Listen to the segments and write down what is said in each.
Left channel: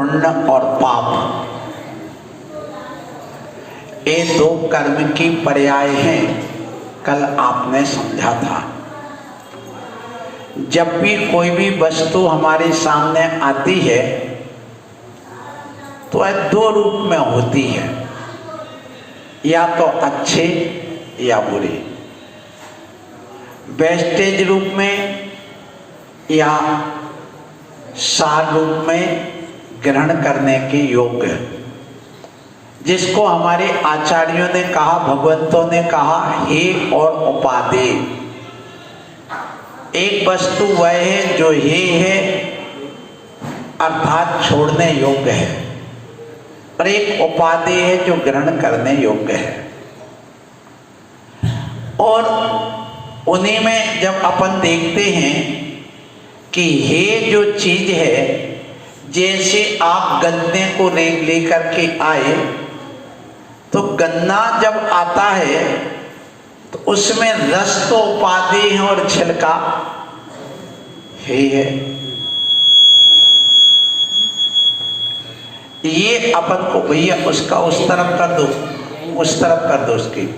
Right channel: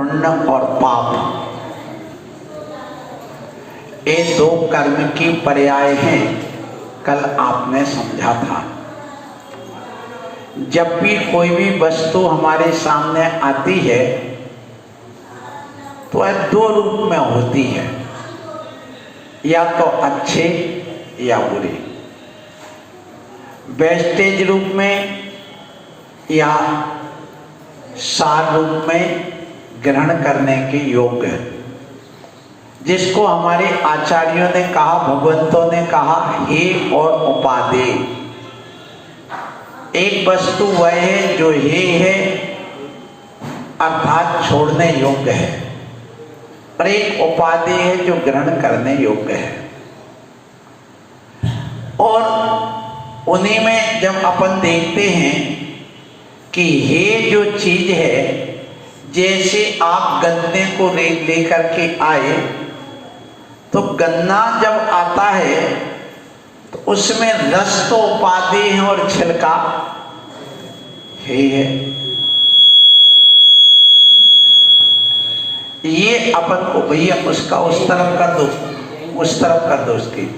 पुण्य और पाप, ये दो कर्म की पर्याय हैं। कल आपने समझा था, जब भी कोई भी वस्तु हमारे सामने आती है तो वह दो रूप में होती है, या तो अच्छे या बुरे, वेस्टेज रूप में या सार रूप में ग्रहण करने के योग्य, जिसको हमारे आचार्यों ने कहा, भगवंतों ने कहा, हे और उपादेय। एक वस्तु वह है जो हे है अर्थात छोड़ने योग्य है, और एक उपादेय है जो ग्रहण करने योग्य है। और उन्हीं में जब अपन देखते हैं कि हे जो चीज है, जैसे आप गन्ने को लेकर के आए तो गन्ना जब आता है तो उसमें रस तो उपादेय है और छिलका हे है। ये अपन को भैया उसका उस तरफ कर दो, उस तरफ कर दो उसकी।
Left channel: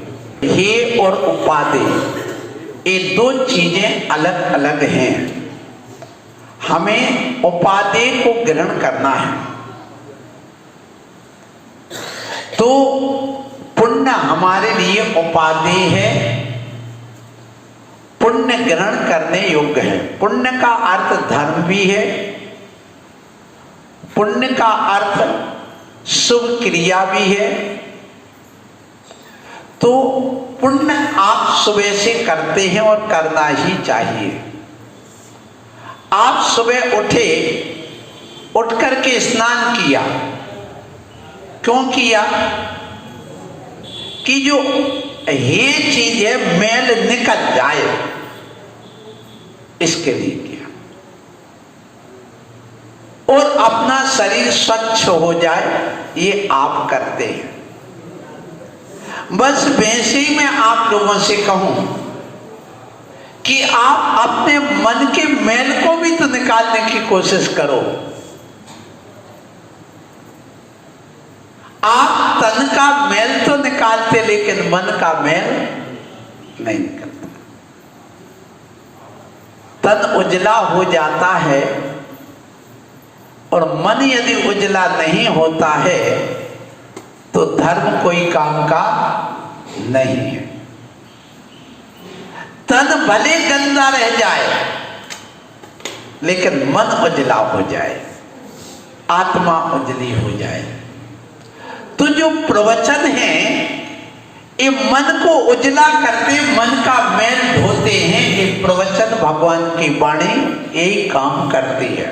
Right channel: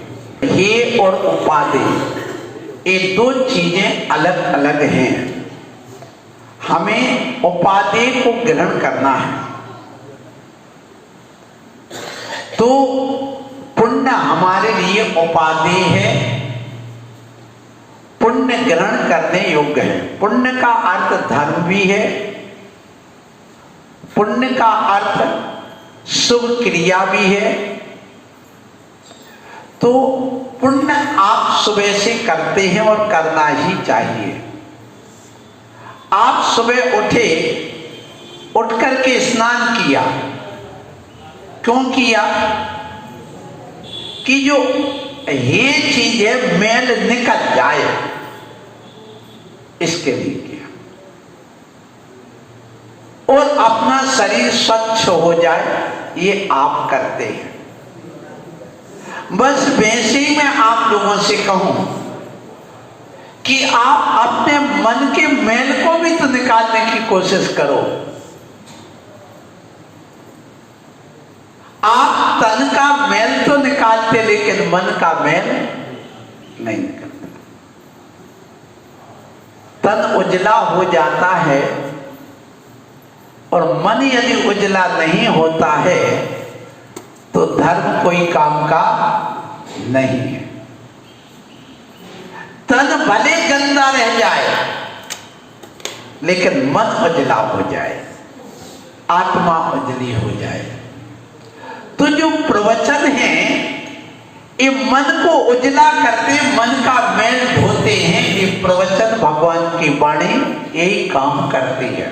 हे और उपादेय, ये दो चीजें अलग अलग हैं। हमें उपादेय को ग्रहण करना है। तो पुण्य हमारे लिए उपादेय है, पुण्य ग्रहण करने योग्य है। पुण्य का अर्थ धर्म भी है, पुण्य का अर्थ शुभ क्रिया भी है। तो पुण्य आप सुबह से करते हैं और करना ही चाहिए। आप सुबह उठे, उठ करके स्नान किया, क्यों किया? कि जो ये चीज है मैल निकल जाए, इसके लिए किया, और अपना शरीर स्वच्छ हो जाए, ये आप करते हैं। बस वैसे ही मैं आप लोगों से कहूं कि आप अपने मन के मैल को भी तो निकालने की कोशिश करो। आप तन का मैल तो निकालते, लेकिन मन का मैल नहीं निकलता। तन उजला हो जाता है, और मन यदि उजला नहीं होता है तो धर्म कोई काम का नहीं है। तन भले गंदा रह जाए, लेकिन मन उजला हो जाए, आत्मा उजली हो जाए। तो जो प्रवचन है ये मन को उजला करते, मन का मैल धोते हैं। ये प्रवचन भगवान की वाणी यही काम करती है।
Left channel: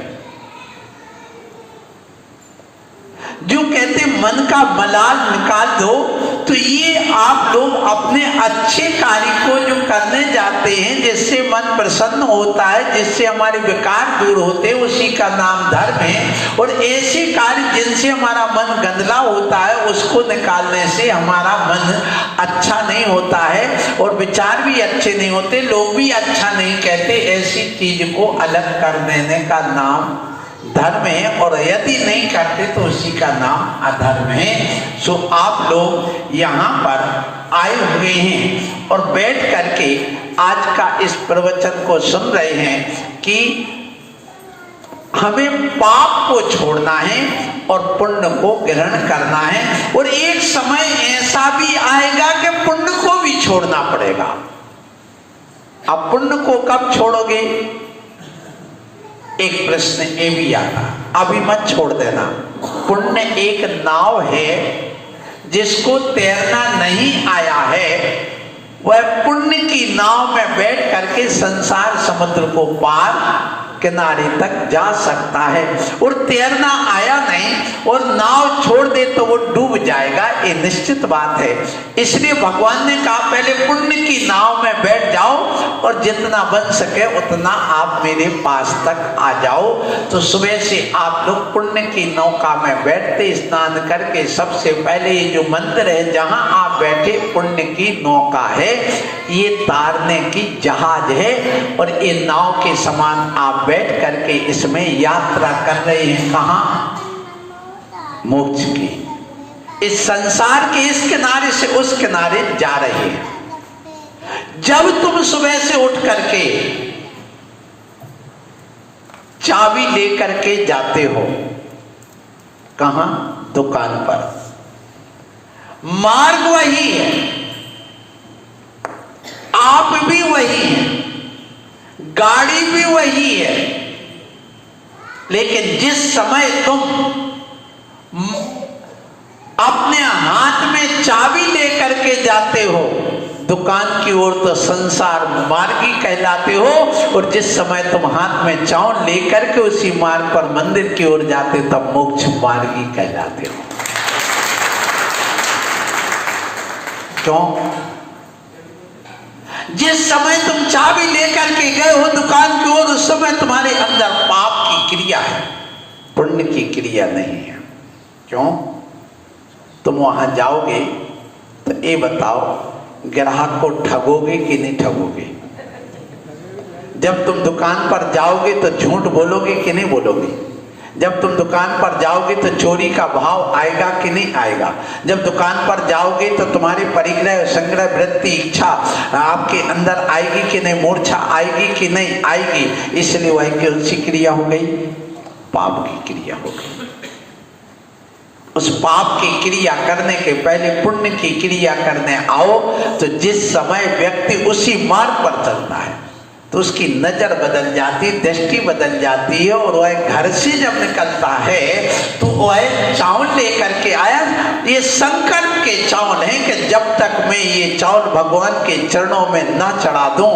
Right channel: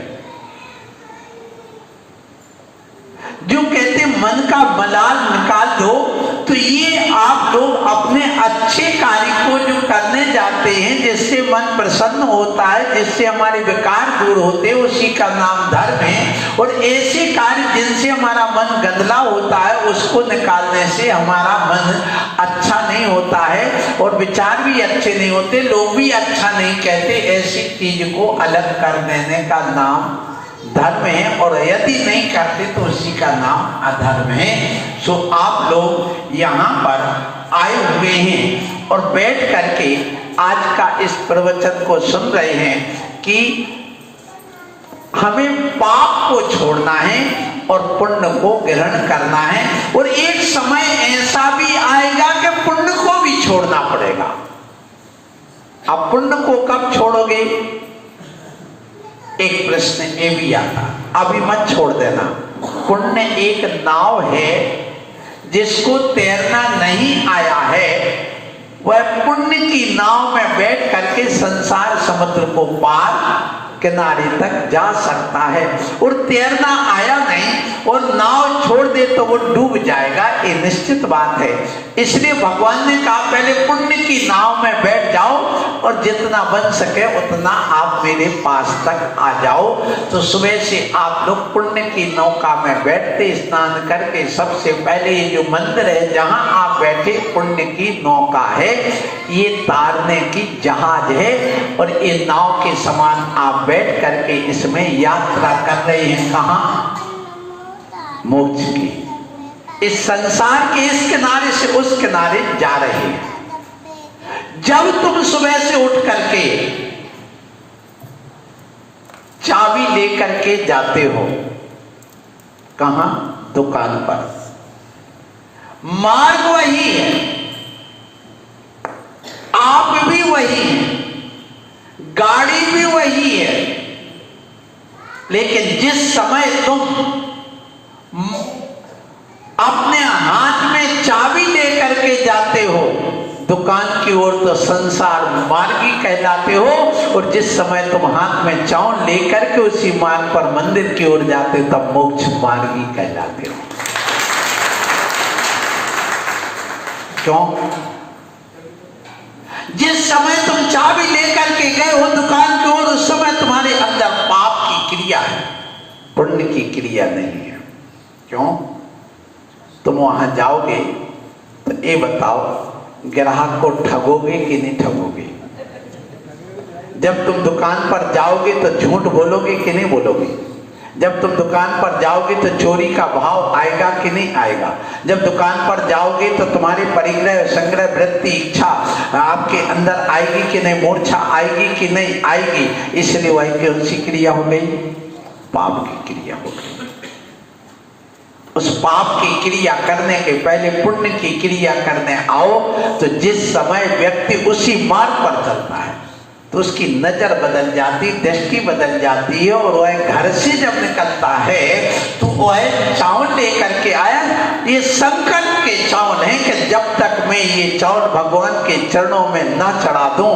जो कहते मन का मलाल निकाल दो, तो ये आप लोग अपने अच्छे कार्य को जो करने जाते हैं, जिससे मन प्रसन्न होता है, जिससे हमारे विकार दूर होते हैं, उसी का नाम धर्म है। और ऐसे कार्य जिनसे हमारा मन गंदला होता है, उसको निकालने से हमारा मन अच्छा नहीं होता है, और विचार भी अच्छे नहीं होते, लोग भी अच्छा नहीं कहते। ऐसी चीज को अलग कर देने का नाम धर्म है, और यदि नहीं करते तो उसी का नाम अधर्म है। सो आप लोग यहाँ पर आए हुए हैं और बैठ करके आज का इस प्रवचन को सुन रहे हैं कि हमें पाप को छोड़ना है और पुण्य को ग्रहण करना है। और एक समय ऐसा भी आएगा कि पुण्य को भी छोड़ना पड़ेगा। अब पुण्य को कब छोड़ोगे? एक प्रश्न ये भी आता, अभी मत छोड़ देना। पुण्य एक नाव है, जिसको तैरना नहीं आया है, वह पुण्य की नाव में बैठ करके संसार समुद्र को पार किनारे तक जा सकता है। और तैरना आया नहीं और नाव छोड़ दे तो वो डूब जाएगा, ये निश्चित बात है। इसलिए भगवान ने कहा पहले पुण्य की नाव में बैठ जाओ, और जितना बन सके उतना आप मेरे पास तक आ जाओ। तो सुबह से आप लोग पुण्य की नौका में बैठते, स्नान करके सबसे पहले ये जो मंदिर है जहां आप बैठे, पुण्य की नौका है, ये तारने की जहाज है, और ये नाव के समान आप बैठ करके इसमें यात्रा कर रहे हैं। कहाँ? मोक्ष की। इस संसार के इस किनारे से उस किनारे जा रहे हैं। जब तुम सुबह से उठ करके चाबी लेकर के जाते हो, कहां? दुकान पर। मार्ग वही है, आप भी वही हैं, गाड़ी भी वही है, लेकिन जिस समय तुम अपने हाथ में चाबी लेकर के जाते हो दुकान की ओर, तो संसार मार्गी कहलाते हो, और जिस समय तुम हाथ में चावल लेकर के उसी मार्ग पर मंदिर की ओर जाते तब मोक्ष मार्गी कहलाते हो। क्यों? जिस समय तुम चाबी लेकर के गए हो दुकान की ओर, उस समय तुम्हारे अंदर पाप की क्रिया है, पुण्य की क्रिया नहीं है। क्यों? तुम वहां जाओगे तो ये बताओ, ग्राहक को ठगोगे कि नहीं ठगोगे? जब तुम दुकान पर जाओगे तो झूठ बोलोगे कि नहीं बोलोगे? जब तुम दुकान पर जाओगे तो चोरी का भाव आएगा कि नहीं आएगा? जब दुकान पर जाओगे तो तुम्हारी परिग्रह संग्रह वृत्ति इच्छा आपके अंदर आएगी कि नहीं? मूर्छा आएगी कि नहीं आएगी? इसलिए वह कौन सी क्रिया हो गई? पाप की क्रिया हो गई। उस पाप की क्रिया करने के पहले पुण्य की क्रिया करने आओ, तो जिस समय व्यक्ति उसी मार्ग पर चलता है तो उसकी नजर बदल जाती, दृष्टि बदल जाती है, और वह घर से जब निकलता है तो वह चावल लेकर के आया। ये संकल्प के चावल है कि जब तक मैं ये चावल भगवान के चरणों में न चढ़ा दूं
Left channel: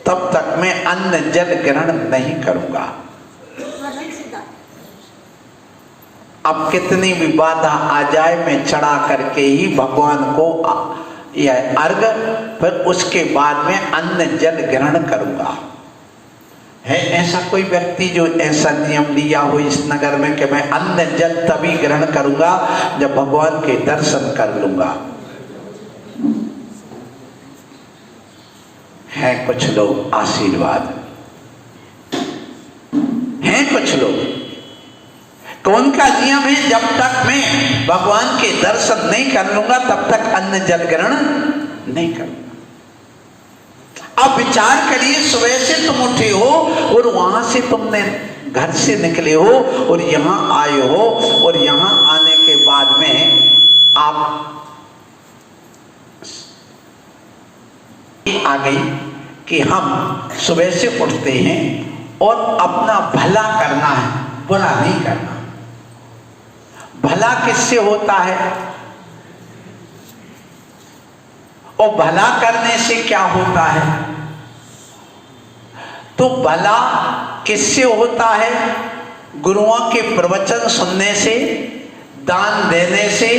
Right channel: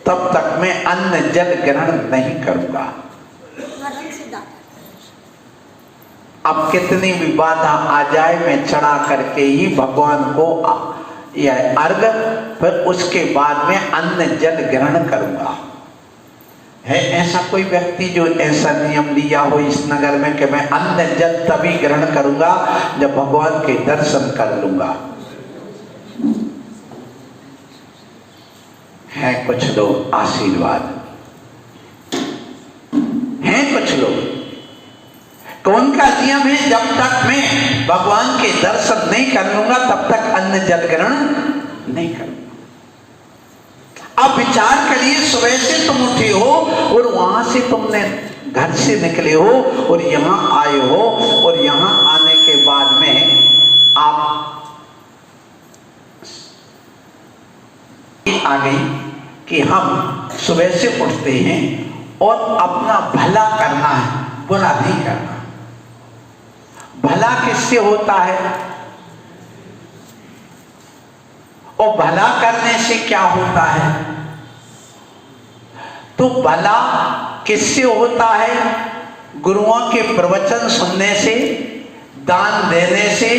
तब तक मैं अन्न जल ग्रहण नहीं करूंगा। अब कितनी भी बाधा आ जाए, मैं चढ़ा करके ही भगवान को यह अर्घ, फिर उसके बाद में अन्न जल ग्रहण करूंगा। है ऐसा कोई व्यक्ति जो ऐसा नियम लिया हो इस नगर में कि मैं अन्न जल तभी ग्रहण करूंगा जब भगवान के दर्शन कर लूंगा? है कुछ लोग आशीर्वाद, हैं कुछ लोग तो उनका नियम है जब तक मैं भगवान के दर्शन नहीं कर लूंगा तब तक अन्न जल ग्रहण नहीं करूंगा। अब विचार करिए, सुबह से तुम उठे हो और वहां से तुमने घर से निकले हो और यहां आए हो, और यहां आने के बाद में आप आ गई कि हम सुबह से उठते हैं और अपना भला करना है, बुरा नहीं करना। भला किससे होता है और भला करने से क्या होता है? तो भला किससे होता है? गुरुओं के प्रवचन सुनने से, दान देने से,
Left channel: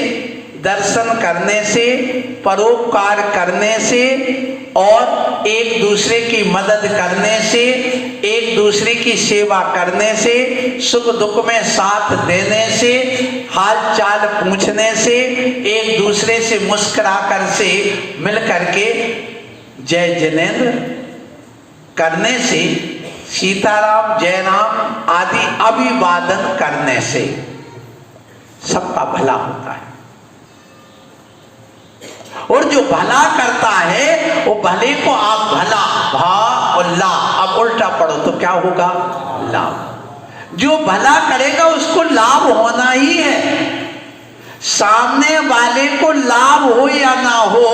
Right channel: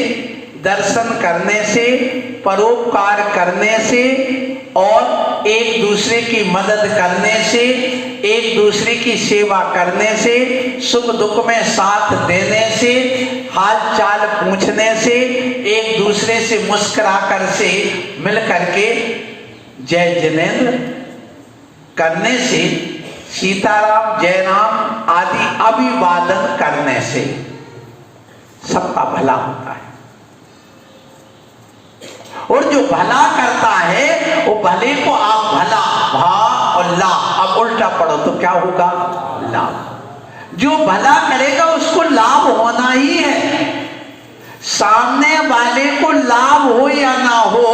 दर्शन करने से, परोपकार करने से, और एक दूसरे की मदद करने से, एक दूसरे की सेवा करने से, सुख दुख में साथ देने से, हाल चाल पूछने से, एक दूसरे से मुस्कुरा कर से मिल करके जय जिनेंद्र करने से, सीताराम जय राम आदि अभिवादन करने से सबका भला होता है। और जो भला करता है वो भले को आप भला भा और ला, अब उल्टा पढ़ो तो क्या होगा? लाभ। जो भला करेगा उसको लाभ होना ही है, सामने वाले को लाभ हो या ना हो,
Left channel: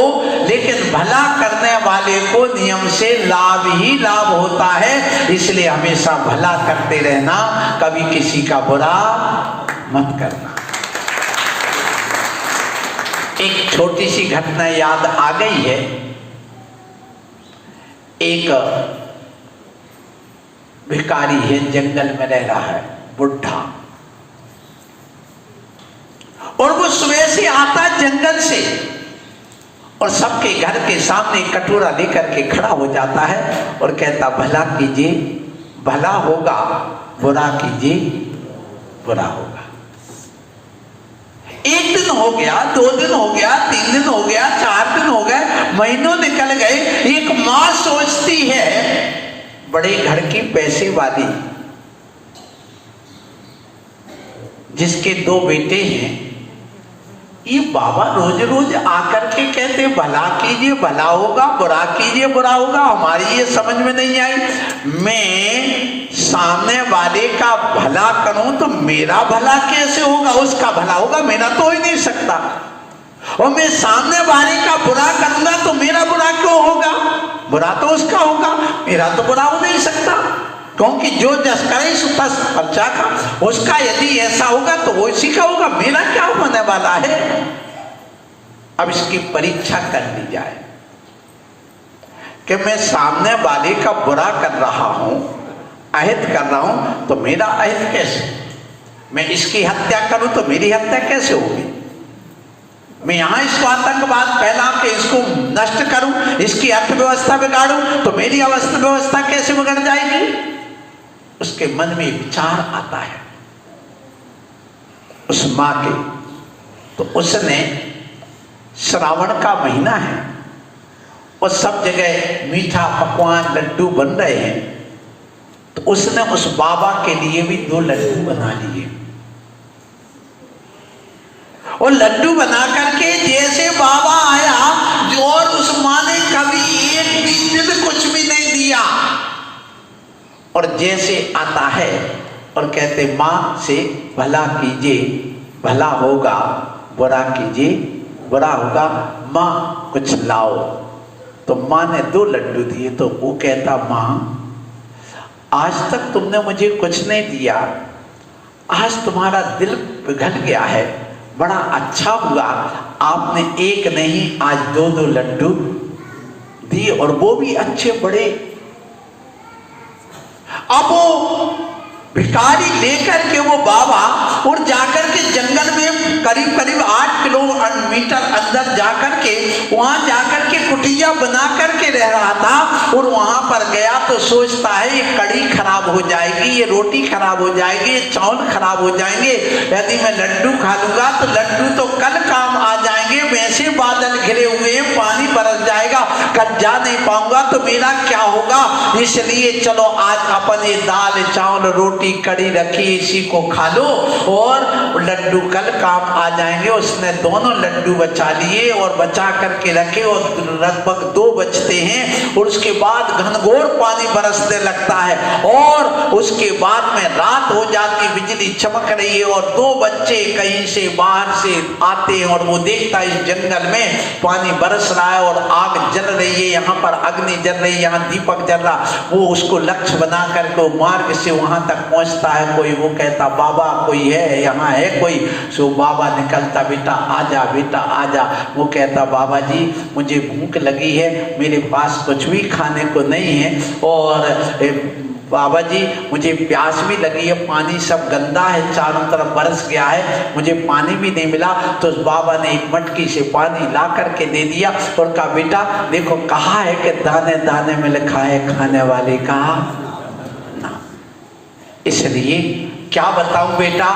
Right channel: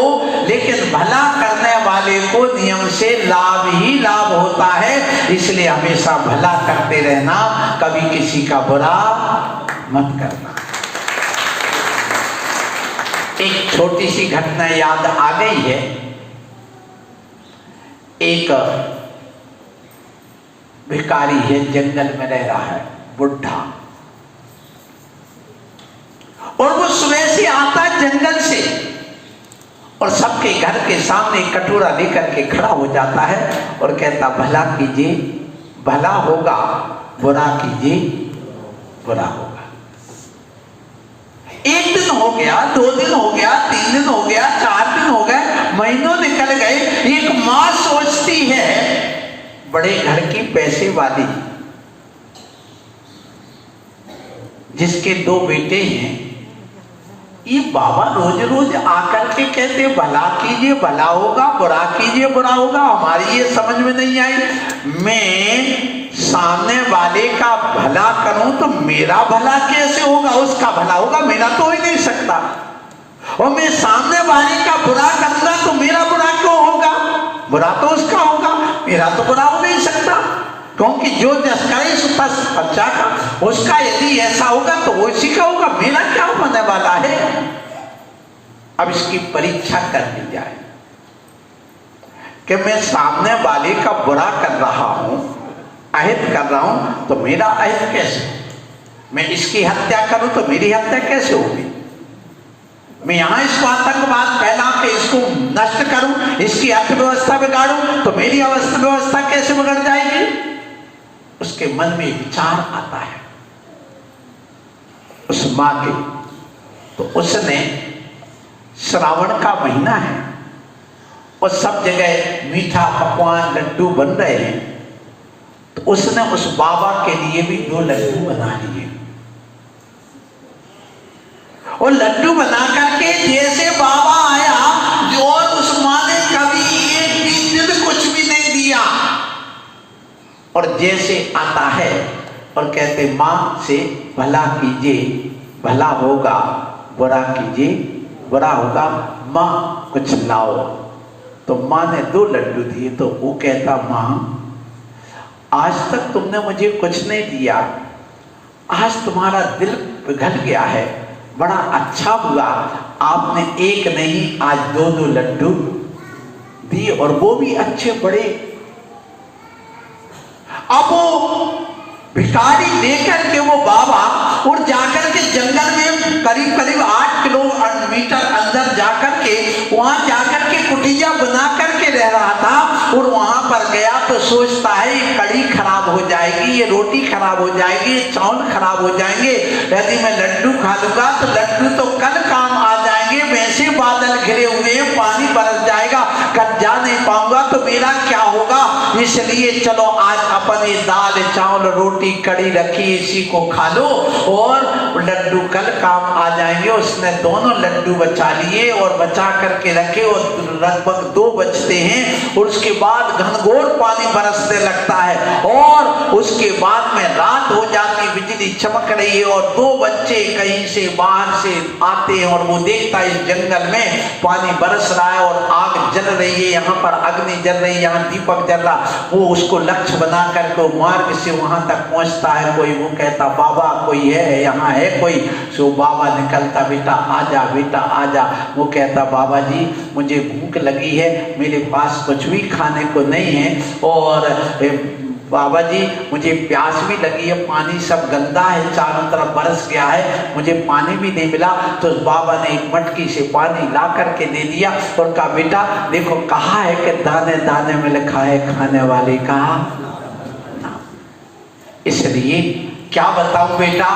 लेकिन भला करने वाले को नियम से लाभ ही लाभ होता है। इसलिए हमेशा भला करते रहना, कभी किसी का बुरा मत करना। एक छोटी सी घटना याद आ गई है। एक भिखारी है, जंगल में रह रहा है, बुढ़ा, और वो सुबह से आता जंगल से और सबके घर के सामने कटोरा लेकर के खड़ा हो जाता है और कहता भला कीजिए भला होगा, बुरा कीजिए बुरा होगा। एक दिन हो गया, 2 दिन हो गया, 3 दिन हो गया, 4 दिन हो गए, महीनों निकल गए। एक माँ सोचती है, बड़े घर की पैसे वाली, जिसके 2 बेटे हैं, ये बाबा रोज रोज आकर के कहते भला कीजिए भला होगा, बुरा कीजिए बुरा होगा। हमारी ये समझ में नहीं आई। मैं सामने वाले का भला करूं तो मेरा भला कैसे होगा? उसका भला होगा, मेरा तो हो ही नहीं सकता। और मैं सामने वाले का बुरा करूंगा तो मेरा बुरा क्यों होगा? बुरा तो उसका होगा, मेरा तो बुरा हो नहीं सकता। क्योंकि जो जस करे सो तस अच्छा का, उसका यदि ऐसा होगा तो वो इसी का होगा, मेरा क्या होने वाला है? अब इसकी परीक्षा कर ली जाए कि मैं सामने वाले का बुरा कर रहा हूं, अहित कर रहा हूं, तो मेरा अहित कैसे? मैं इसकी हत्या करूं तो मेरी हत्या कैसे होगी? मैं यहां इसको आतंकवाद फैला के इसको नष्ट करूं, इसकी अर्थव्यवस्था बिगाड़ूं, तो मेरी अर्थव्यवस्था कैसे बिगड़ जाएगी? उसके मन में विचार आता है उस मां के। तो उसने, श्रावण का महीना है और सब जगह मीठा पकवान लड्डू बन रहे हैं, तो उसने उस बाबा के लिए भी 2 लड्डू बना लिए। और लड्डू बना करके जैसे बाबा आया, और उस मां ने कभी एक भी दिन कुछ भी नहीं दिया, और जैसे आता है और कहते मां से भला कीजिए भला होगा, बुरा कीजिए बुरा होगा, मां कुछ लाओ। तो मां ने 2 लड्डू दिए। तो वो कहता मां, आज तक तुमने मुझे कुछ नहीं दिया, आज तुम्हारा दिल पिघल गया है, बड़ा अच्छा हुआ आपने एक नहीं आज 2 लड्डू दिए, और वो भी अच्छे बड़े। अब वो भिखारी लेकर के वो बाबा और जाकर के जंगल में करीब करीब 8 किलोमीटर अंदर जाकर के, वहां जाकर के कुटिया बना करके रह रहा था। और वहां पर गया तो सोचता है ये कड़ी खराब हो जाएगी, ये रोटी खराब हो जाएगी, ये चावल खराब हो जाएंगे, यदि मैं लड्डू खा लूंगा तो लड्डू तो कल काम आ जाएंगे, वैसे बादल घिरे हुए हैं, पानी बरस जाएगा, कल जा नहीं पाऊंगा तो मेरा क्या होगा? इसलिए चलो आज अपन ये दाल चावल रोटी कड़ी रखी, इसी को खा लो और लड्डू कल काम आ जाएंगे। उसने 2 लड्डू बचा लिए और बचा करके रखे, और लगभग 2 बचते हैं, और उसके बाद घनघोर पानी बरसने लगता है, और उसके बाद में रात हो जाती, बिजली चमक रही है, और 2 बच्चे कहीं से बाहर से आते हैं, और वो देखता है इस जंगल में पानी बरस रहा है और आग जल रही है, यहाँ पर अग्नि जल रही है, यहाँ दीपक जल रहा। वो उसको लक्ष्य बना करके मार्ग से वहां तक पहुंचता है। कोई वो कहता बाबा कोई है, यहाँ है कोई? सो बाबा निकलता, बेटा आजा बेटा आजा। वो कहता बाबा जी मुझे भूख लगी है, मेरे पास कुछ भी खाने को नहीं है, और बाबा जी मुझे प्यास भी लगी है, पानी सब गंदा है, चारों तरफ बरस गया है, मुझे पानी भी नहीं मिला। तो बाबा ने एक मटकी से पानी ला करके दे दिया और कहा बेटा देखो कहा है कि दाने दाने में लिखा है खाने वाले का नाम। इसलिए क्या बताऊं बेटा,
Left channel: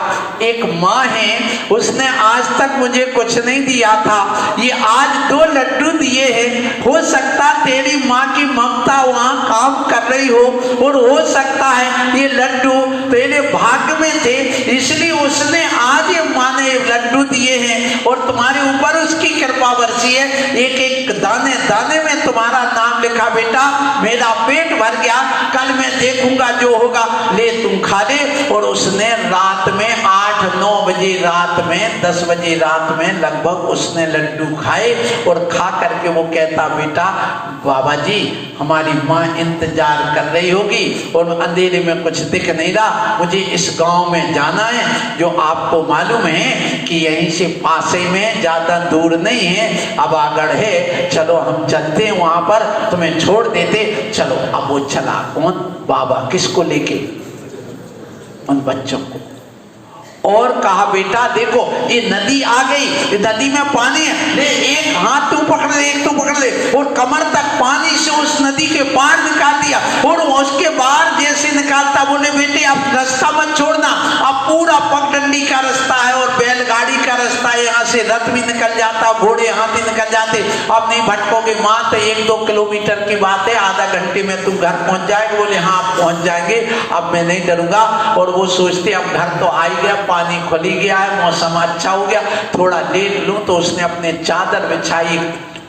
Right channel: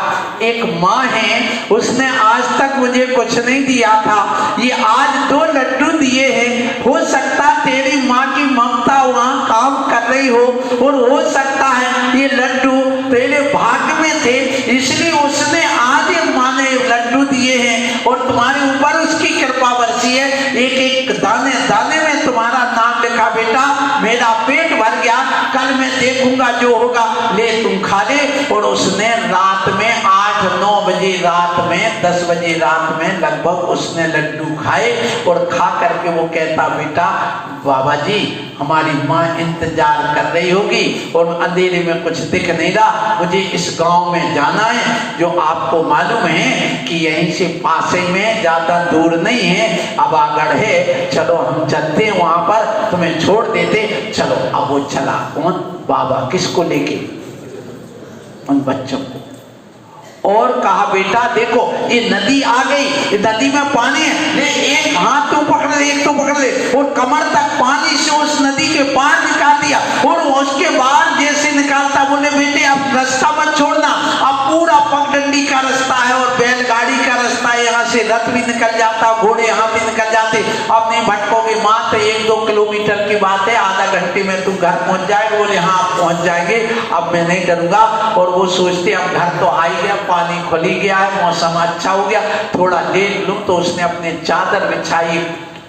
एक माँ है, उसने आज तक मुझे कुछ नहीं दिया था, ये आज 2 लड्डू दिए हैं। हो सकता तेरी माँ की ममता वहां काम कर रही हो, और हो सकता है ये लड्डू तेरे भाग्य में थे, इसलिए उसने आज ये माँ ने लड्डू दिए हैं, और तुम्हारे ऊपर उसकी कृपा बरसी है। एक एक दाने दाने में तुम्हारा नाम लिखा बेटा, मेरा पेट भर गया, कल मैं देखूंगा जो होगा, ले तुम खा ले। और उसने रात में 8-9 बजे रात में 10 बजे रात में लगभग उसने लड्डू खाए, और खा करके वो कहता बेटा बाबा जी हमारी माँ इंतजार कर रही होगी, और अंधेरे में कुछ दिख नहीं रहा, मुझे इस गांव में जाना है जो आपको मालूम है कि यहीं से पास ही में, ज्यादा दूर नहीं है, अबागढ़ है, चलो हम चलते हैं वहां पर, तुम्हें छोड़ देते, चलो। अब वो चला, कौन? बाबा। किसको लेके? उन बच्चों को। और कहा बेटा देखो ये नदी आ गई, ये नदी में पानी है, ले एक हाथ तू पकड़ ले, एक तू पकड़ ले, और कमर तक पानी से उस नदी के पार निकाल दिया। और उसके बाद जैसे निकालता, बोले बेटे अब रास्ता मत छोड़ना, अब पूरा पगडंडी का रास्ता है और बैलगाड़ी का रास्ता है, यहाँ से रथ भी निकल जाता, घोड़े हाथी निकल जाते, थे। अब नहीं भटकोगे माँ, तो 1-2 किलोमीटर की बात है, आधा घंटे में तुम घर पहुंच जाएगा। बोले हाँ पहुंच जाएंगे, अब मैं नहीं डरूंगा। और वो सोचते अब घर तो आ ही गया, पानी खुल ही गया है, मौसम अच्छा हो गया, थोड़ा लेट लूं। तो उसने अपने चादर बिछाई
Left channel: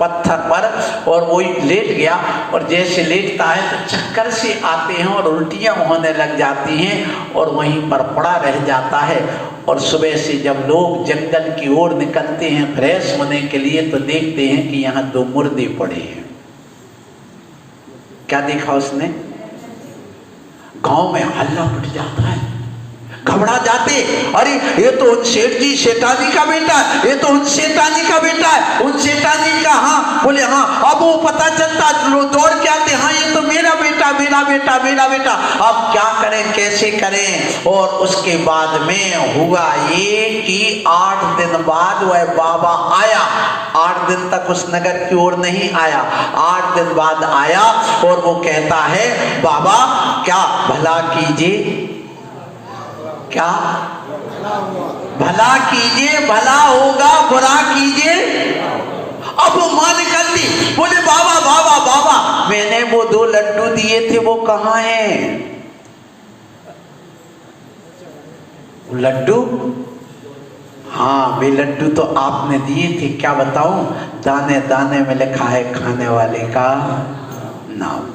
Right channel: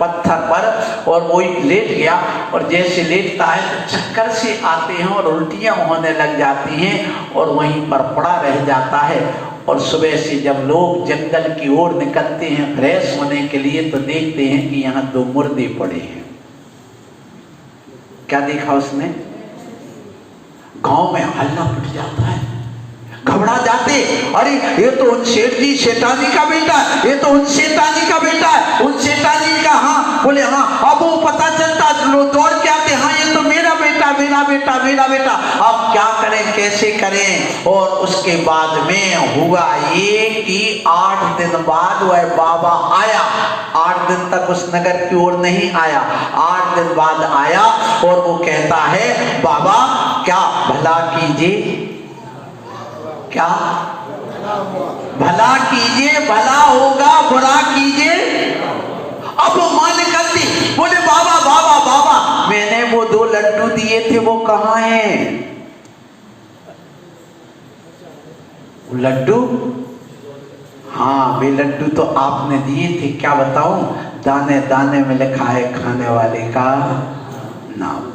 पत्थर पर और वो लेट गया। और जैसे लेटता है तो चक्कर से आते हैं और उल्टियां होने लग जाती हैं और वहीं पर पड़ा रह जाता है। और सुबह से जब लोग जंगल की ओर निकलते हैं फ्रेश होने के लिए, तो देखते हैं कि यहाँ 2 मुर्दे पड़े हैं। क्या देखा उसने? गांव में हल्ला उठ जाता है, घबरा जाते, अरे ये तो उन सेठ जी सेठानी का बेटा, ये तो उन सेठानी का बेटा है, उन सेठानी का। हाँ बोले हाँ। अब वो पता चलता, लोग दौड़ के आते, हाँ ये तो मेरा बेटा मेरा बेटा मेरा बेटा। अब क्या करें, कैसे करें? और उसके बाद में हुआ ये कि 8 दिन बाद वह बाबा आया। 8 दिन तक उस नगर की ओर नहीं आया, 8 दिन बाद आया और वो कहता है बाबा क्या भला कीजिए, क्या भला कीजिए, भला होगा, बुरा कीजिए। अब वो मां निकलती, बोले बाबा बाबा बाबा, मैंने वो 2 लड्डू दिए थे, वो कहाँ हैं? लड्डू? हाँ वे लड्डू तो आपने दिए थे, क्या बताऊं, दाने दाने में लिखा है खाने वाले का नाम।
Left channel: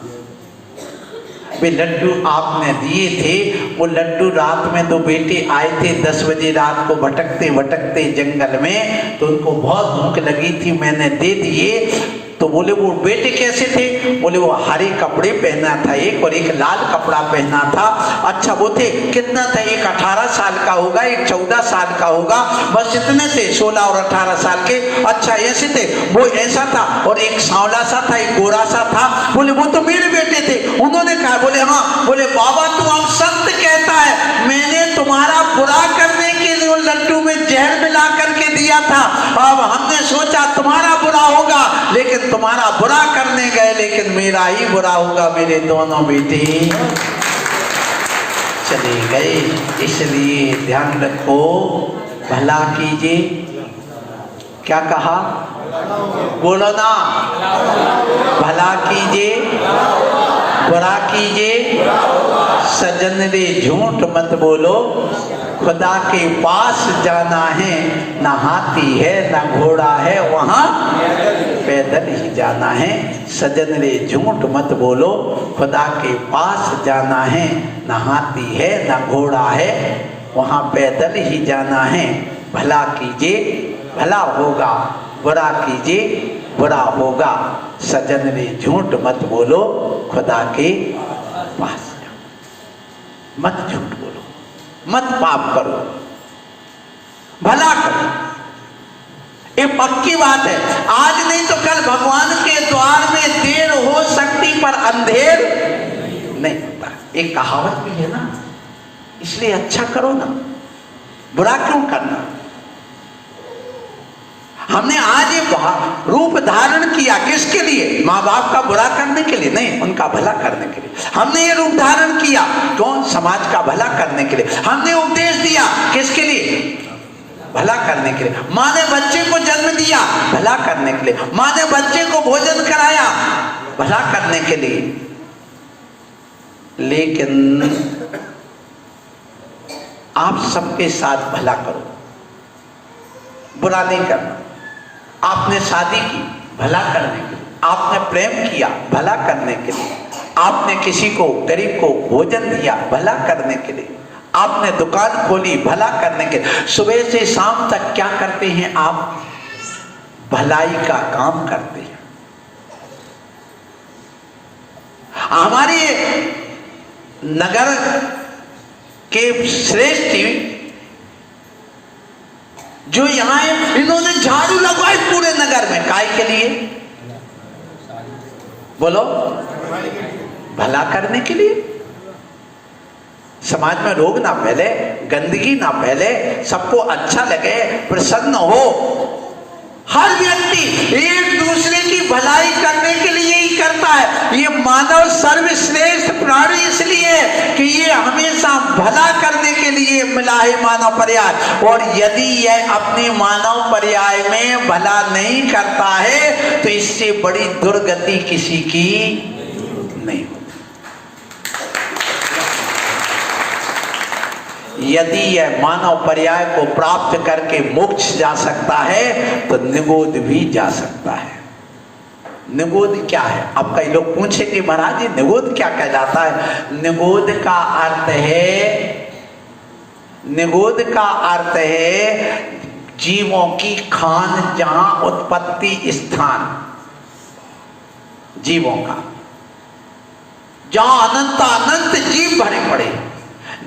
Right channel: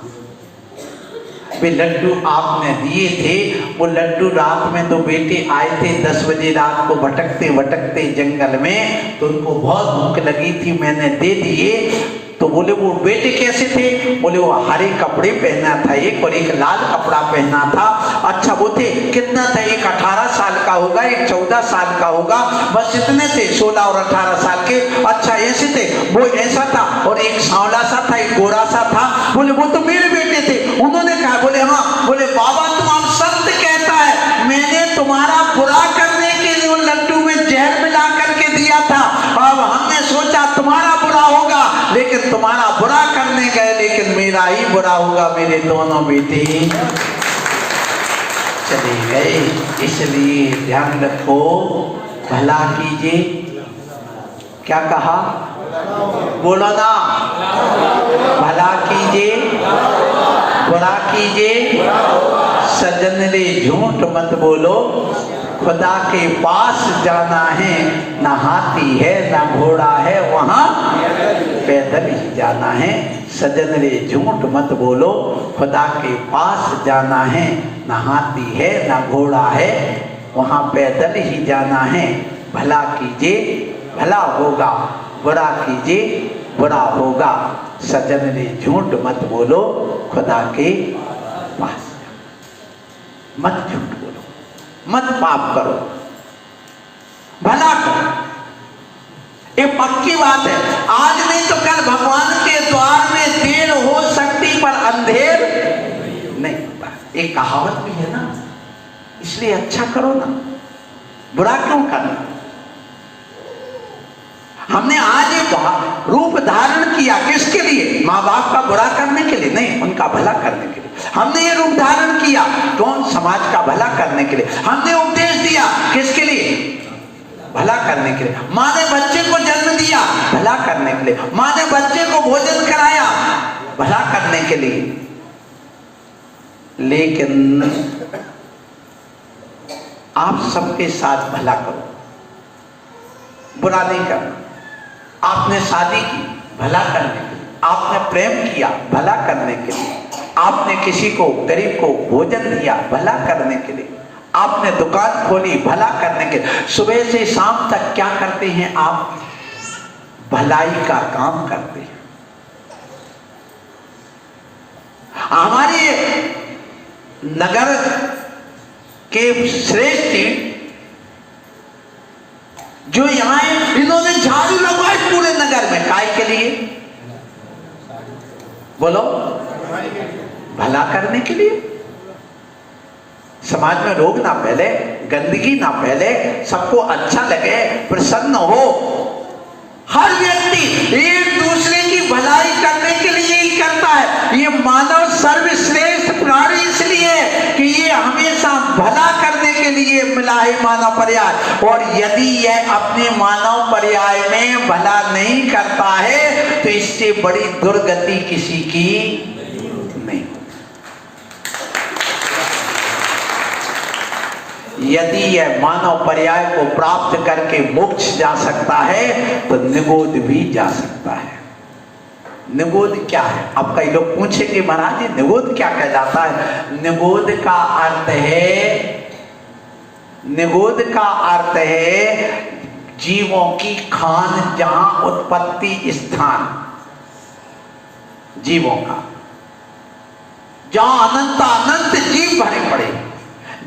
वे लड्डू आपने दिए थे, वो लड्डू रात में 2 बेटे आए थे 10 बजे रात को भटकते भटकते जंगल में, तो उनको बहुत भूख लगी थी, मैंने दे दिए। तो बोले वो बेटे कैसे थे? बोले वो हरे कपड़े पहना था एक, और एक लाल कपड़ा पहना था। अच्छा वो थे कितना था? एक 18 साल का होगा, एक 14 साल का होगा, बस इतने थे, 16 और 18 साल के। अच्छा ऐसे थे, वो ऐसा था, और एक सांवला सा था, एक गोरा सा था। बोले वो तो मेरे बेटे थे। उन्होंने कहा, बोले हाँ। बोले बाबा तू अब सत्य कहता है, मैंने तुम्हारा बुरा करने के लिए वो लड्डू में जहर मिला करके दिया था। अब हमने सोचा तुम्हारा बुरा होगा, लेकिन तुम्हारा बुरा करने गए, लेकिन मेरा ही बुरा होगा। मेरे दोनों बेटे चले गए। इसलिए ध्यान रखो, भला कीजिए। क्या कहा? बोलो ना, भला कीजिए, बुरा कीजिए। सजन रे झूठ मत बोलो, खुदा के पास जाना है, ना हाथी है ना घोड़ा है, वहां पैदल ही जाना है। सजन रे झूठ मत बोलो, खुदा के पास जाना है, ना हाथी है ना घोड़ा है, वहां पैदल ही जाना है। भला कीजिए भला होगा, बुरा कीजिए बुरा होगा। सजन रे झूठ मत बोलो, खुदा के पास मत झूठ बोलो, मत पाप करो, भला करो। ये पक्की बात है, आज नहीं तो कल भगवान के द्वार में देर हो सकती, पर अंधेर नहीं होता। एक कहावत भी है ना, इसलिए अच्छा करो ना, बुरा क्यों करना। हमने आज एक रूप धारण किया, किसके लिए? माँ बाप का बुरा करने के लिए नहीं, उनका भला करने के लिए हमने ये रूप धारण किया। कौन? समाज का भला करने के लिए हमने उपदेश दिया। किसके लिए? भला करने के लिए। माँ ने बच्चे को जन्म दिया, भला करने के लिए। माँ ने बच्चे को भोजन कराया, भला करने के लिए। लेकिन आप सबके साथ भला करो, बुरा नहीं करना। आपने शादी की, भला करने के लिए। आपने प्रेम किया, भला करने के लिए। आपने किसी को गरीब को भोजन दिया, भला करने के लिए। आपने दुकान खोली, भला करने के लिए। सुबह से शाम तक क्या करते हैं आप? भलाई का काम करते हैं। हमारे नगर के श्रेष्ठ जो यहाँ है, इन्होंने झाड़ू लगवाए पूरे नगर में, काय के लिए? बोलो, भला करने के लिए। समाज में रोग ना फैले, गंदगी ना फैले, सबको अच्छा लगे, प्रसन्न हो। हर व्यक्ति एक दूसरे की भलाई करने के लिए ही करता है। ये मानव सर्वश्रेष्ठ प्राणी इसलिए कि ये हमेशा भला करने के लिए मिला है मानव पर्याय। और यदि यह अपने मानव पर्याय में भला नहीं करता है तो इससे बड़ी दुर्गति किसी की नहीं। यदि यह मानव पर्याय को प्राप्त करके मोक्ष जा सकता है तो निगोद भी जा सकता है। निगोद क्या है? अब कई लोग पूछेंगे महाराज जी निगोद क्या कहलाता है? निगोद का अर्थ है, निगोद का अर्थ है जीवों की खान, जहां उत्पत्ति स्थान जीवों का, जहां अनंत अनंत जीव भरे पड़े।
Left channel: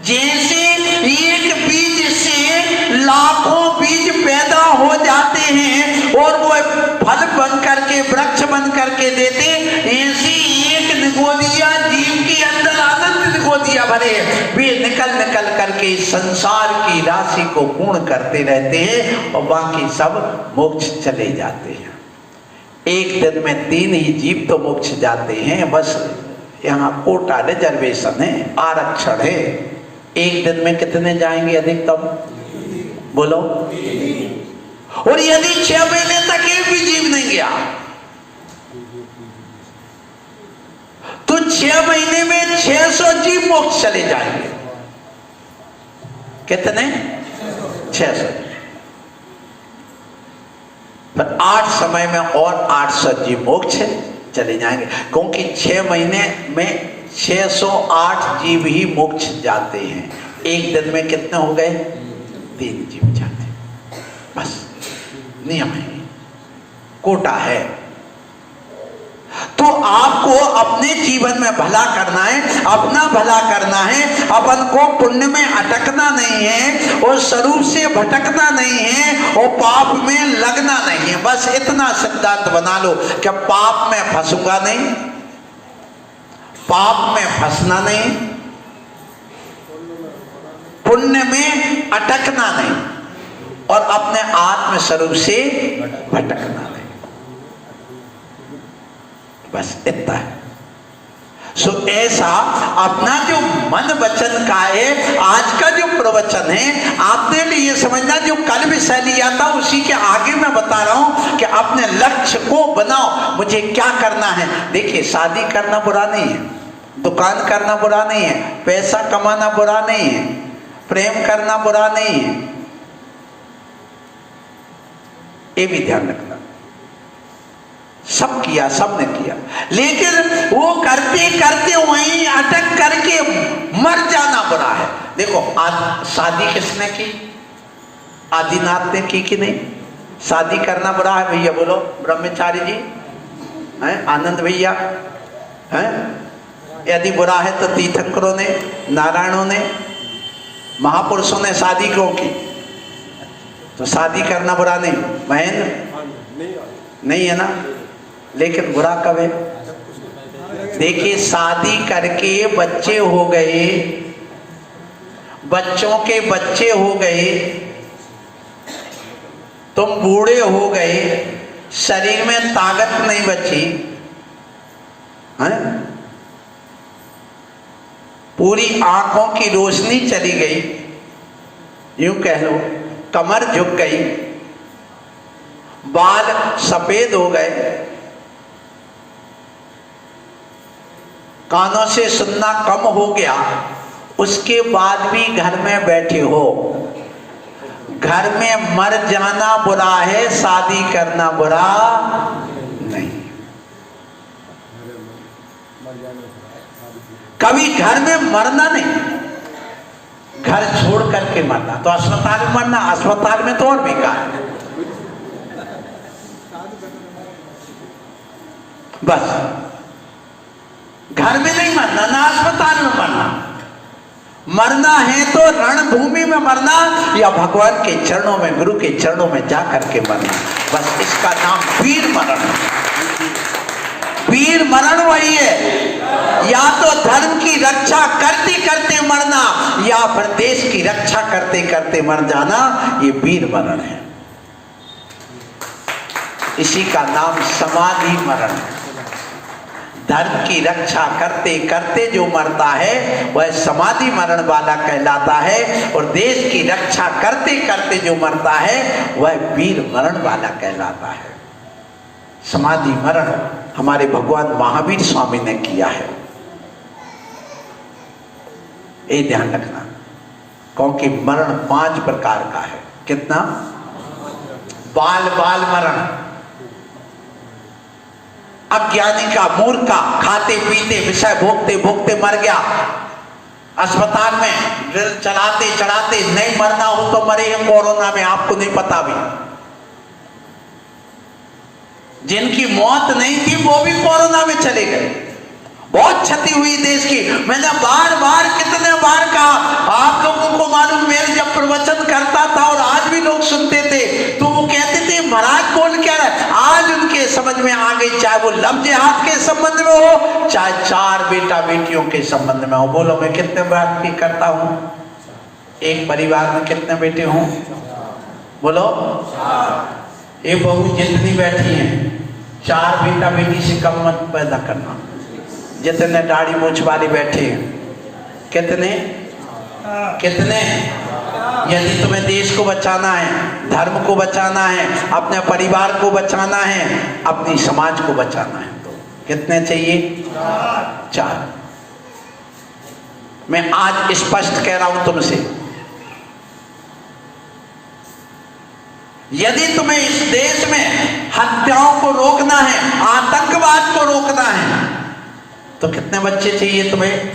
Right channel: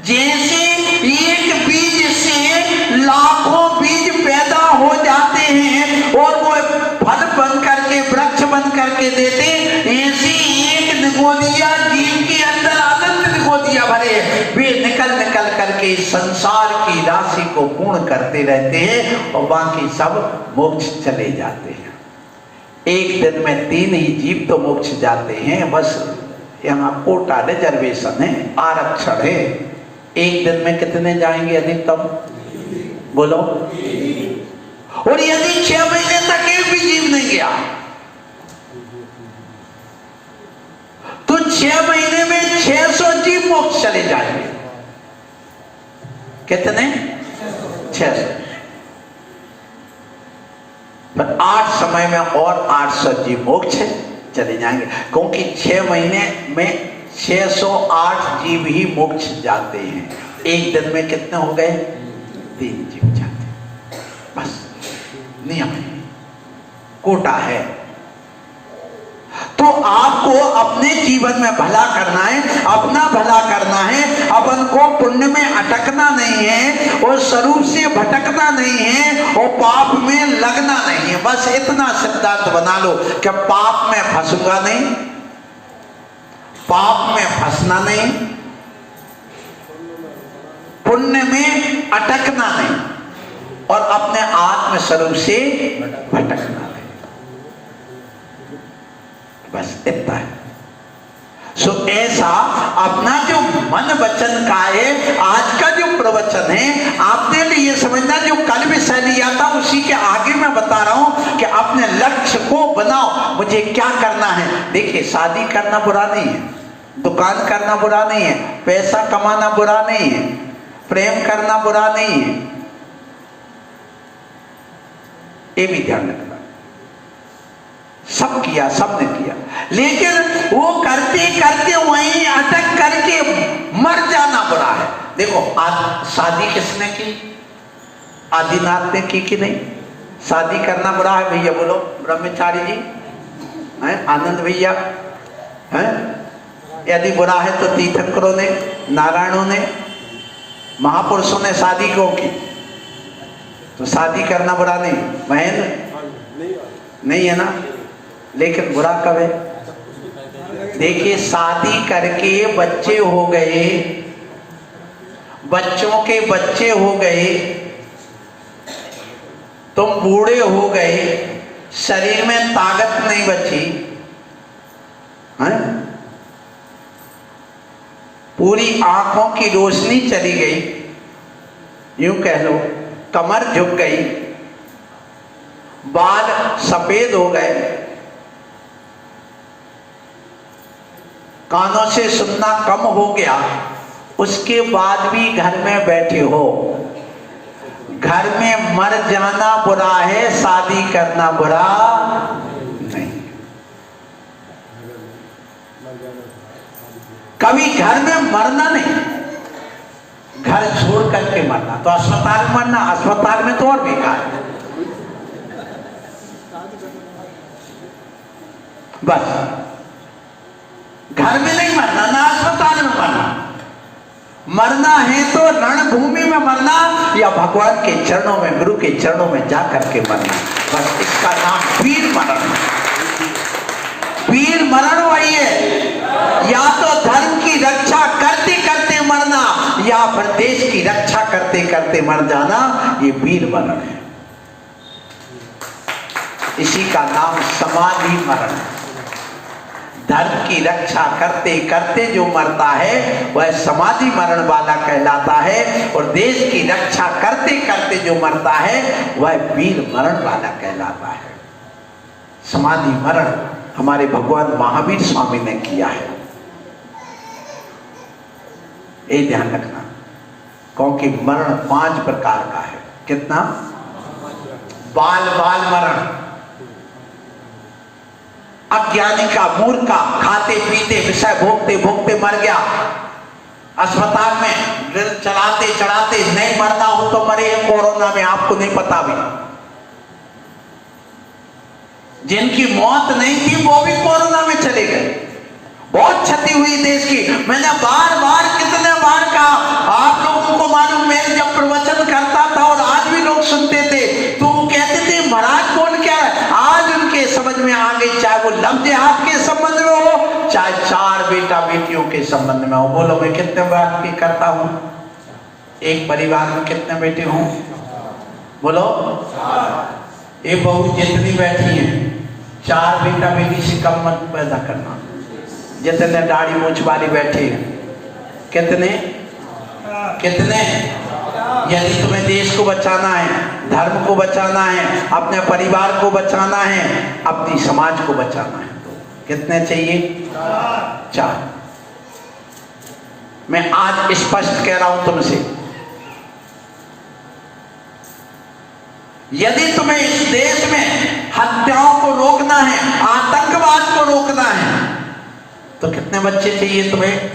जैसे एक बीज से लाखों बीज पैदा हो जाते हैं और वो फल बन करके वृक्ष बन करके देते, ऐसे एक निगोदिया जीव के अंदर अनंत निगोदिया भरे, वे निकल निकल करके संसार की राशि को पूर्ण करते रहते हैं और बाकी सब मोक्ष चले जाते हैं। एक दिन में 3 ही जीव तो मोक्ष जाते हैं, बस यहाँ कोटा रिजर्वेशन है, आरक्षण है। एक दिन में कितने जाएंगे अधिकतम? बोलो। और यदि 6 महीने तक एक भी जीव नहीं गया तो 6 महीने में 600 जीव मोक्ष चले जाएंगे। कितने? 600। तो 8 समय में और 800 जीव मोक्ष चले जाएंगे, क्योंकि 6 महीने में 608 जीव ही मोक्ष जाते हैं। एक दिन में कितने हो गए? 3 जीव जाते, बस नियम है, कोटा है। तो आपको अपने जीवन में भला करना है, अपना भला करना है, अपन को पुण्य में अटकना नहीं है और स्वरूप से भटकना नहीं है और पाप में लगना नहीं है। बस इतना सिद्धांत बना लो कि पाप में फंसूंगा नहीं, पाप में फंसना नहीं, पुण्य में अटकना नहीं और अपने आत्म स्वरूप से भटकना नहीं। बस इतना है। सो ऐसा अपना जो मन वचन का है, आज का जो प्रवचन है, आपने भी ये समझना जो कल विषय लिया था उसी के आगे मैं बता रहा हूं कि अपने लक्ष्य को बनाओ, मुझे क्या करना है। देखिए, शादी करना बुरा नहीं है, दुकान करना बुरा नहीं है, पैसा कमाना बुरा नहीं है, प्रेम करना बुरा नहीं है, ये भी ध्यान रखना। सब किया, सबने किया, लेकिन वो करते करते वहीं अटक करके मर जाना बुरा है। देखो, आज शादी किसने की? आदिनाथ ने की कि नहीं? शादी करना बुरा है भैया? बोलो ब्रह्मचारी जी हैं, आनंद भैया हैं? यदि बुरा है तो तीर्थंकरों ने, नारायणों ने, महापुरुषों ने शादी क्यों की? तो शादी करना बुरा नहीं, महेंद्र नहीं है ना, लेकिन बुरा कब है? देखिए, शादी करके बच्चे हो गए, बच्चों के बच्चे हो गए, तुम बूढ़े हो गए, शरीर में ताकत नहीं बची है? पूरी आंखों की रोशनी चली गई, यूं कह लो, कमर झुक गई, बाल सफेद हो गए, कानों से सुनना कम हो गया, उसके बाद भी घर में बैठे हो। घर में मर जाना बुरा है, शादी करना बुरा नहीं। कभी घर में मरना नहीं, घर छोड़ करके मरना। तो अस्पताल में मरना, अस्पताल में तो और बेकार। बस घर में नहीं मरना, ना अस्पताल में मरना। मरना है तो रणभूमि में मरना या भगवान के चरणों में, गुरु के चरणों में जाकर के मरना। बस इसका नाम वीर मरण है। वीर मरण वही है, या तो धर्म की रक्षा करते करते मरना या फिर देश की रक्षा करते करते मर जाना, ये वीर मरण है। इसी का नाम समाधि मरण। धर्म की रक्षा करते करते जो मरता है वह समाधि मरण वाला कहलाता है, और देश की रक्षा करते करते जो मरता है वह वीर मरण वाला कहलाता है। समाधि मरण हमारे भगवान महावीर स्वामी ने किया है। ये ध्यान रखना, क्योंकि मरण 5 प्रकार का है। कितना? बाल बाल मरण, अज्ञानी का, मूर्ख का, खाते पीते विषय भोगते भोगते मर गया, अस्पताल में चलाते चढ़ाते, नहीं मरना हो तो मरे हैं कोरोना में, आपको नहीं पता भी। जिनकी मौत नहीं थी वो भी कोरोना में चले गए। बहुत क्षति हुई देश की। मैंने बार बार कितने बार कहा, आप लोगों को मालूम, मैं जब प्रवचन करता था और आज भी लोग सुनते थे तो वो कहते थे महाराज बोल क्या है। आज उनके समझ में आ गई, चाहे वो लफ्ज हाथ के संबंध में हो, चाहे 4 बेटा बेटियों के संबंध में हो। बोलो मैं कितने बात की करता हूं? एक परिवार में कितने बेटे हों? बोलो। ये बहू जितनी बैठी है, 4 बेटा बेटी से कम मत पैदा करना। जितने दाढ़ी मूछ वाली बैठे हैं, कितने कितने? यदि तुम्हें देश को बचाना है, धर्म को बचाना है, अपने परिवार को बचाना है, अपनी समाज को बचाना है, तो कितने चाहिए? 4। मैं आज स्पष्ट कह रहा हूं तुमसे, यदि तुम्हें इस देश में हत्याओं को रोकना है, आतंकवाद को रोकना है, तो कितने बच्चे चाहिए तुम्हें?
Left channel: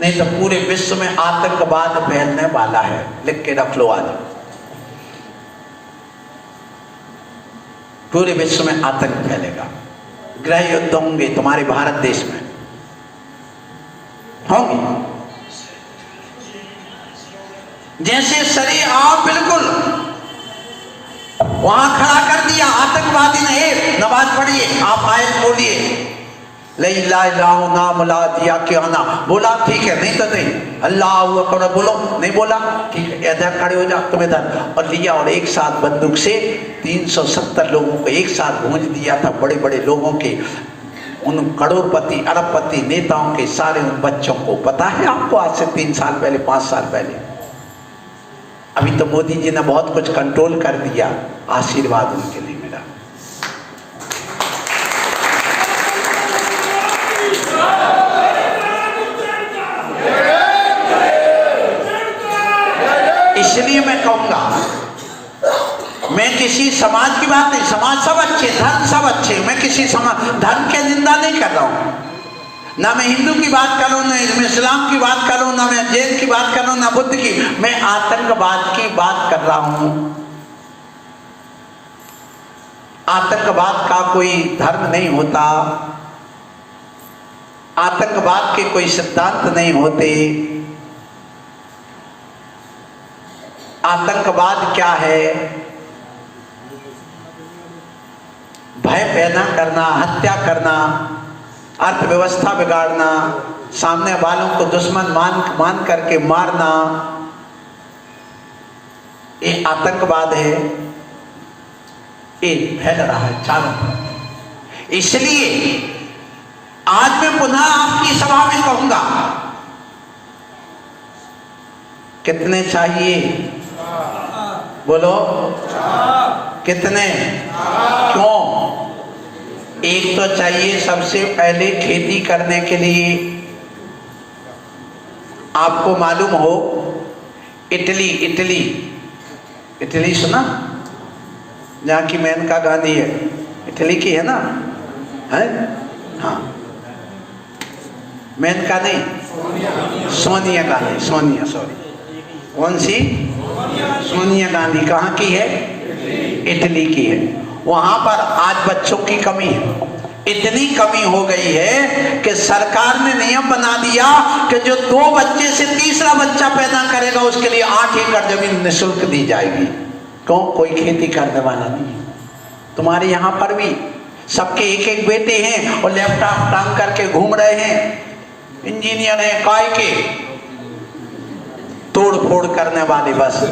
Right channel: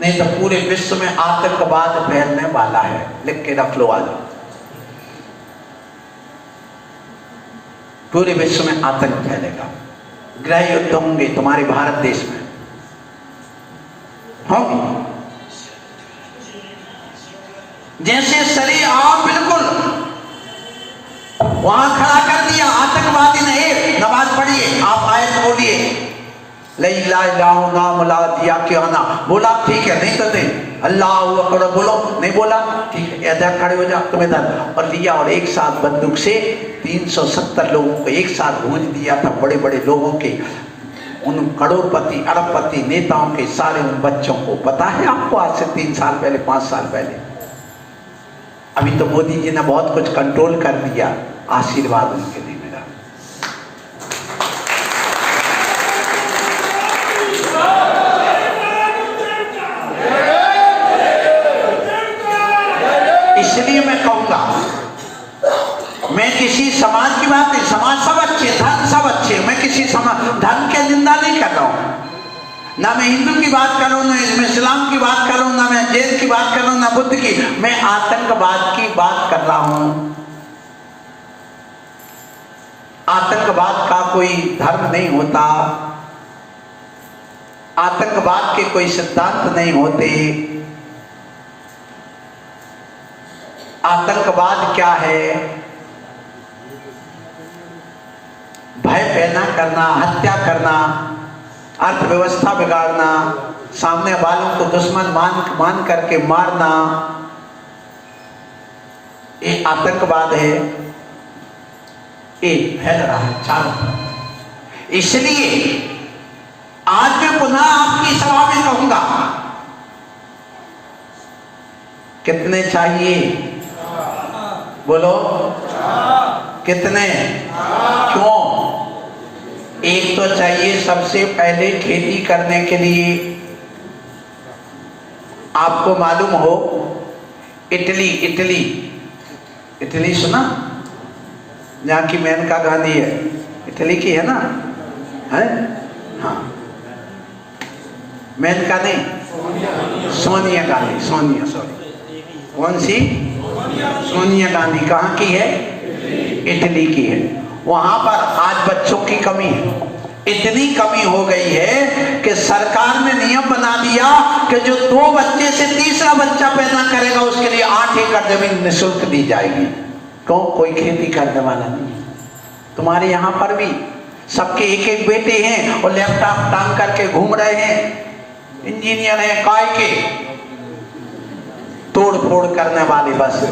नहीं तो पूरे विश्व में आतंकवाद फैलने वाला है। लिख के रख लो आज, पूरे विश्व में आतंक फैलेगा, गृह युद्ध होंगे तुम्हारे भारत देश में होंगे। जैसे शरीर आओ बिल्कुल वहां खड़ा कर दिया आतंकवादी ने, नमाज पढ़िए, आप आयत बोलिए, नाम ला दिया क्यों ना बोला, ठीक है, नहीं तो नहीं, अल्लाह अकबर बोलो, नहीं बोला, ठीक है, इधर खड़े हो जाओ, तुम इधर, और लिया और एक साथ बंदूक से 370 लोगों को एक साथ भूंज दिया था, बड़े बड़े लोगों के, उन करोड़पति अरबपति नेताओं के सारे उन बच्चों को। पता है आपको, आज से 3 साल पहले, 5 साल पहले। अभी तो मोदी जी ने बहुत कुछ कंट्रोल कर दिया, आशीर्वाद उनके लिए मेरा। इसलिए मैं कहूंगा, मैं किसी समाज की बात नहीं, समाज सब अच्छे, धर्म सब अच्छे, मैं किसी समाज धर्म के निंदा नहीं कर रहा हूं, ना मैं हिंदू की बात कर रहा हूं, ना मैं इस्लाम की बात कर रहा हूं, ना मैं जैन की बात कर रहा हूं, ना बुद्ध की, मैं आतंकवाद की बात कर रहा हूं। आतंकवाद का कोई धर्म नहीं होता, आतंकवाद के कोई सिद्धांत नहीं होते। आतंकवाद क्या है? भय पैदा करना, हत्या करना, अर्थव्यवस्था बिगाड़ना, सामने वालों को दुश्मन मान करके मारना, ये आतंकवाद है। ये फैल रहा है चारों। इसलिए आज मैं पुनः आपकी सभा में कहूंगा, कितने चाहिए? बोलो कितने? क्यों? एक तो चाहिए सबसे पहले खेती करने के लिए। आपको मालूम हो, इटली सुना, जहाँ की मेनका गांधी है, इटली की है ना? है? हाँ, मेनका नहीं, सोनिया गांधी, सॉरी, कौन सी? सोनिया गांधी। कहाँ की है? इटली की है। वहां पर आज बच्चों की कमी है, इतनी कमी हो गई है कि सरकार ने नियम बना दिया कि जो 2 बच्चे से तीसरा बच्चा पैदा करेगा उसके लिए 8 एकड़ जमीन निःशुल्क दी जाएगी। क्यों? कोई खेती करने वाला नहीं। तुम्हारे यहाँ पर भी सबके एक एक बेटे हैं और लैपटॉप टांग करके घूम रहे हैं, इंजीनियर हैं, काय के तोड़ फोड़ करने वाले। बस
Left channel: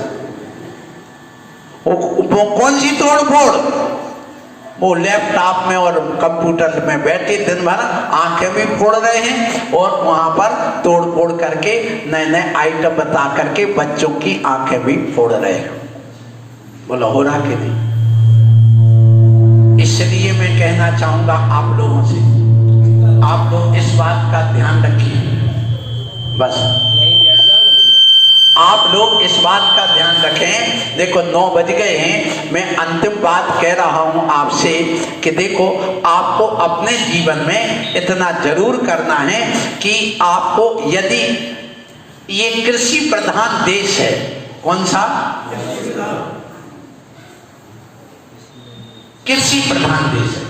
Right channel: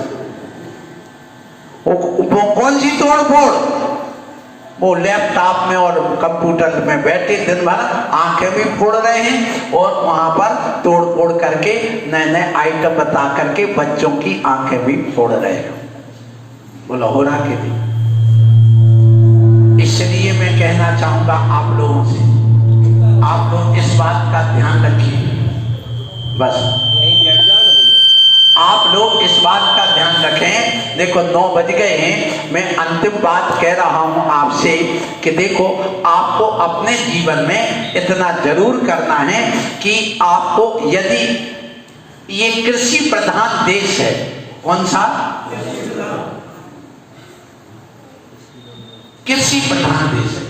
वो कौन सी तोड़ फोड़? वो लैपटॉप में और कंप्यूटर में बैठे दिन भर आंखें भी फोड़ रहे हैं और वहां पर तोड़ फोड़ करके नए नए आइटम बता करके बच्चों की आंखें भी फोड़ रहे हैं। बोला हो रहा कि नहीं? कहना चाहूंगा आप लोगों से, आप लोग इस बात का ध्यान रखिए, बस आप लोग इस बात का ध्यान रखें। देखो 9 बज गए हैं, मैं अंतिम बात कह रहा हूं आपसे कि देखो आपको अपने जीवन में इतना जरूर करना है कि आपको, यदि ये कृषि प्रधान देश है, कौन सा कृषि प्रधान देश है,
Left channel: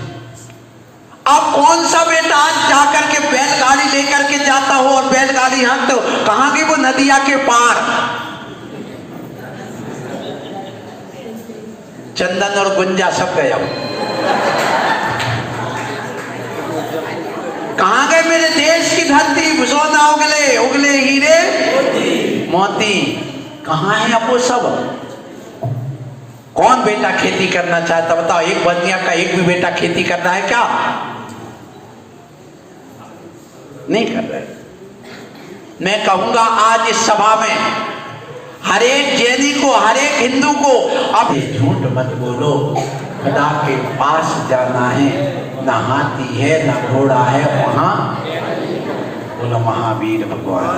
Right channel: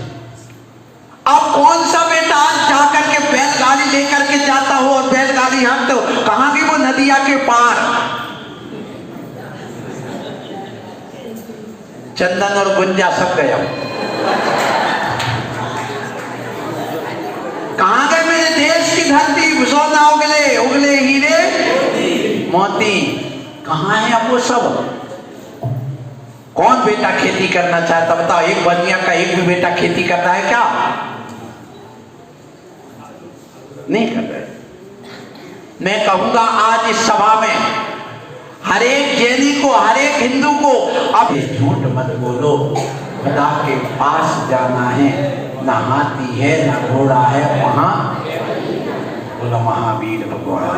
अब कौन सा बेटा आज जाकर के बैलगाड़ी लेकर के जाता हो और बैलगाड़ी हम तो कहां गई वो नदिया के पार, चंदन और गुंजा सब गया, कहां गए मेरे देश की धरती, सोना उगले उगले हीरे मोती, कहां है अब वो सब? कौन बेटा खेती करना चाहता बताओ? एक बनिया का एक भी बेटा खेती करता है क्या? नहीं कर रहे। मैं कहूंगा आज इस सभा में हर एक जैनी को, हर एक हिंदू को, अब झूठ मत बोलो, खुदा के पास जाना है, न हाथी है न घोड़ा है, वहां बोला महावीर भगवान।